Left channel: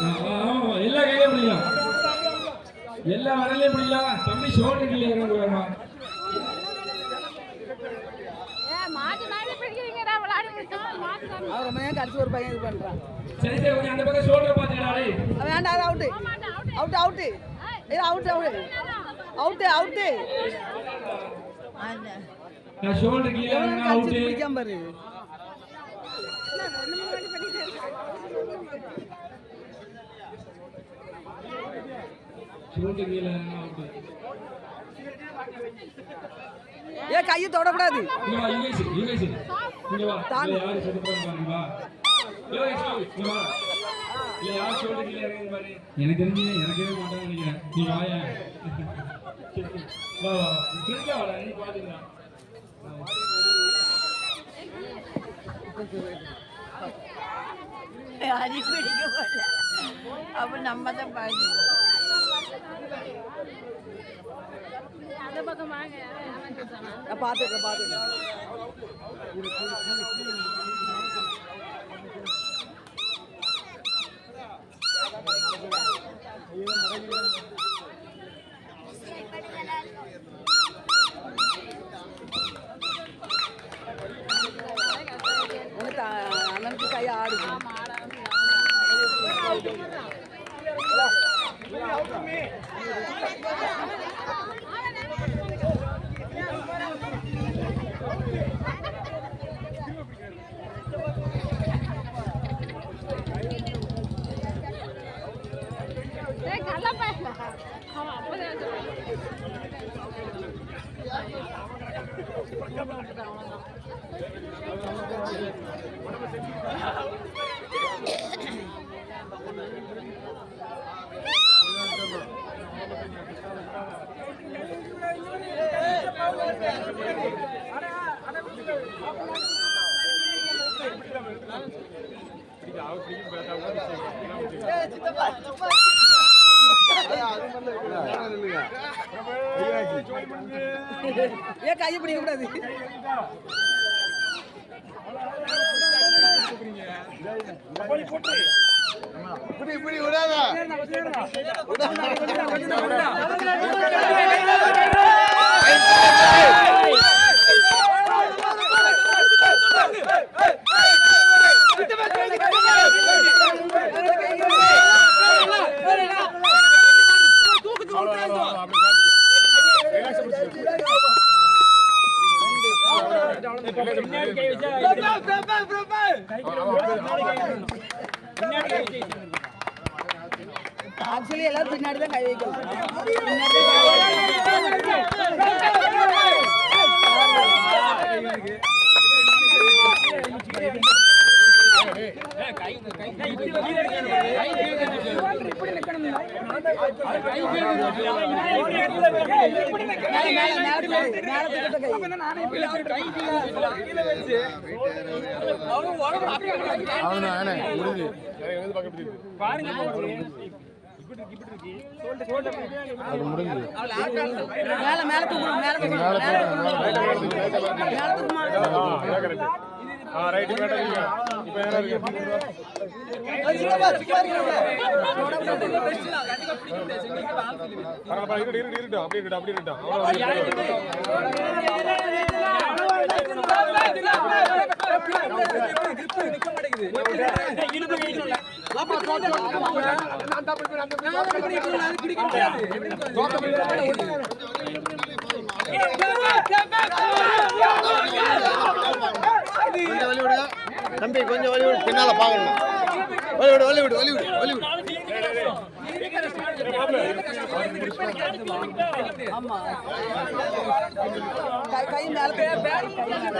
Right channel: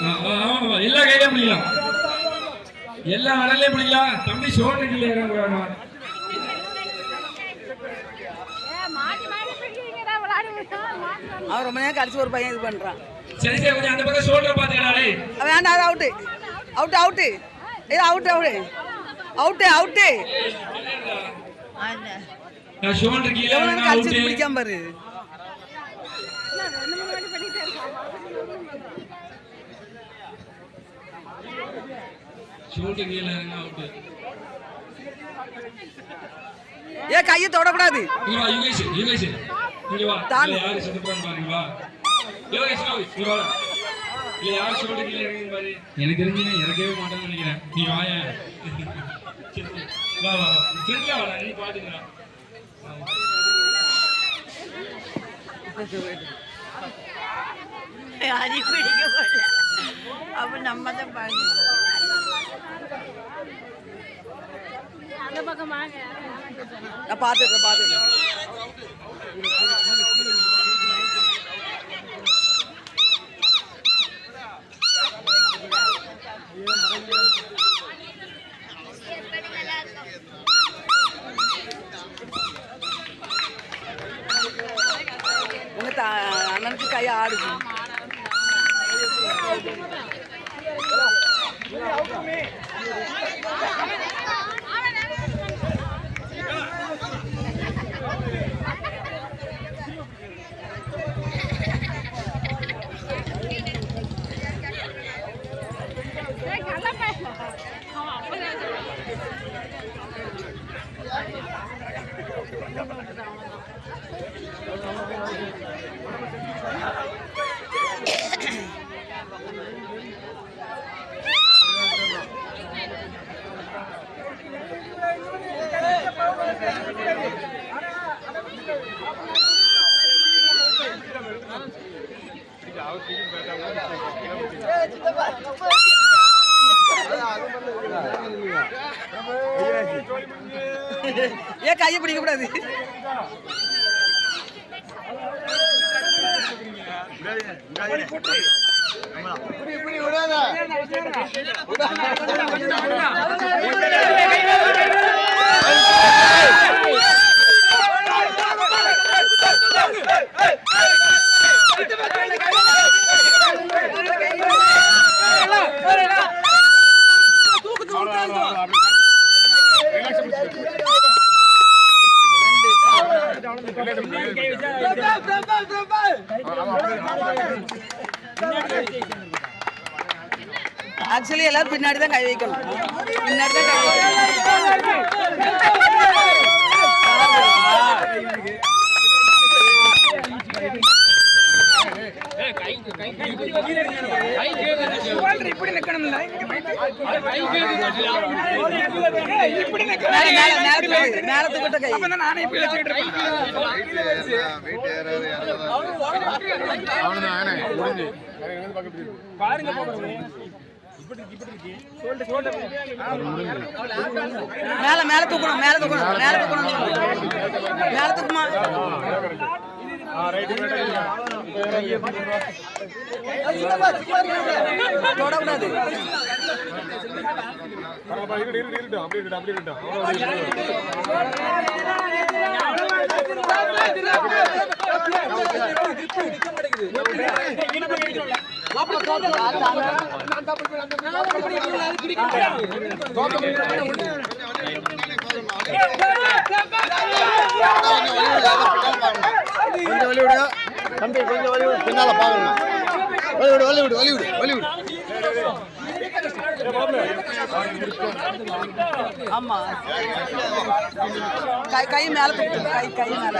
எல்லா கையிலையும் பிடிக்கலாம், எல்லா விரலையும் பிடிக்கலாம். தம்பி சோழ கீழே இறங்குறாங்க. அவன் ரொம்ப நேரம் கடிச்சு ஒரு பையன் இது பண்றான். சரி சரி, கொஞ்சம் அந்த பக்கம் சோல்டர் பாத்துக்கலாரு. வேண்டாம், அது அவுட்டு அவுட்டு அவுட்டு இது அவுட்டு அவுட்டு அவுட்டு அவுட்டு. நான் ஷோல்டர் கீழ கடிச்சு பிடிக்காம பாரு. ஷோல்டர் கீழ அவுட். ஏ கையை தொடக்கூடாது. இங்க வா யுகேஷ், யுகேஷ் இங்க வா. யாரு சுத்த போறாங்க பாருங்க. வா யுகேஷ், இங்க வா. இல்ல யார் ஷோல்டர் கீழ இறங்குங்க பாரு. எனக்கு தெரிஞ்சீங்க இறங்கவே மாட்டேன்னு நினைக்கிறேன். நீ வாயா. வா வா வா, சரியா வாடா, நீ பாத்துங்க. அடி பிடிக்க போல அப்ப நம்ம தான் பாக்கணும். நான் பாத்துட்டேன் பாத்துட்டேன். அண்ணனுக்கு கை ஆடுது. ஏன் கையை பிடிக்க கூடாது. ஆக்சுவலி எல்லாரும் பின்னாடி தான் கை வைக்கணும், பின்னாடி தான் கை வைக்கணும். இப்படி நிக்கணும். நேரத்துக்கிட்ட கை நானே இப்படி வச்சுக்கிட்டு மேல மேல தூக்கணும், மேல தூக்கணும், மேல தூக்கணும், மேல தூக்குமா. தொடக்கூடாது. தம்பி கொஞ்சம் வலிவிடு, பின்னால பாக்கணும். வலிவிடு வலிவிடு வலிவிடு வலிவிடு. ஆமா கை மேல கை மேல கை மேல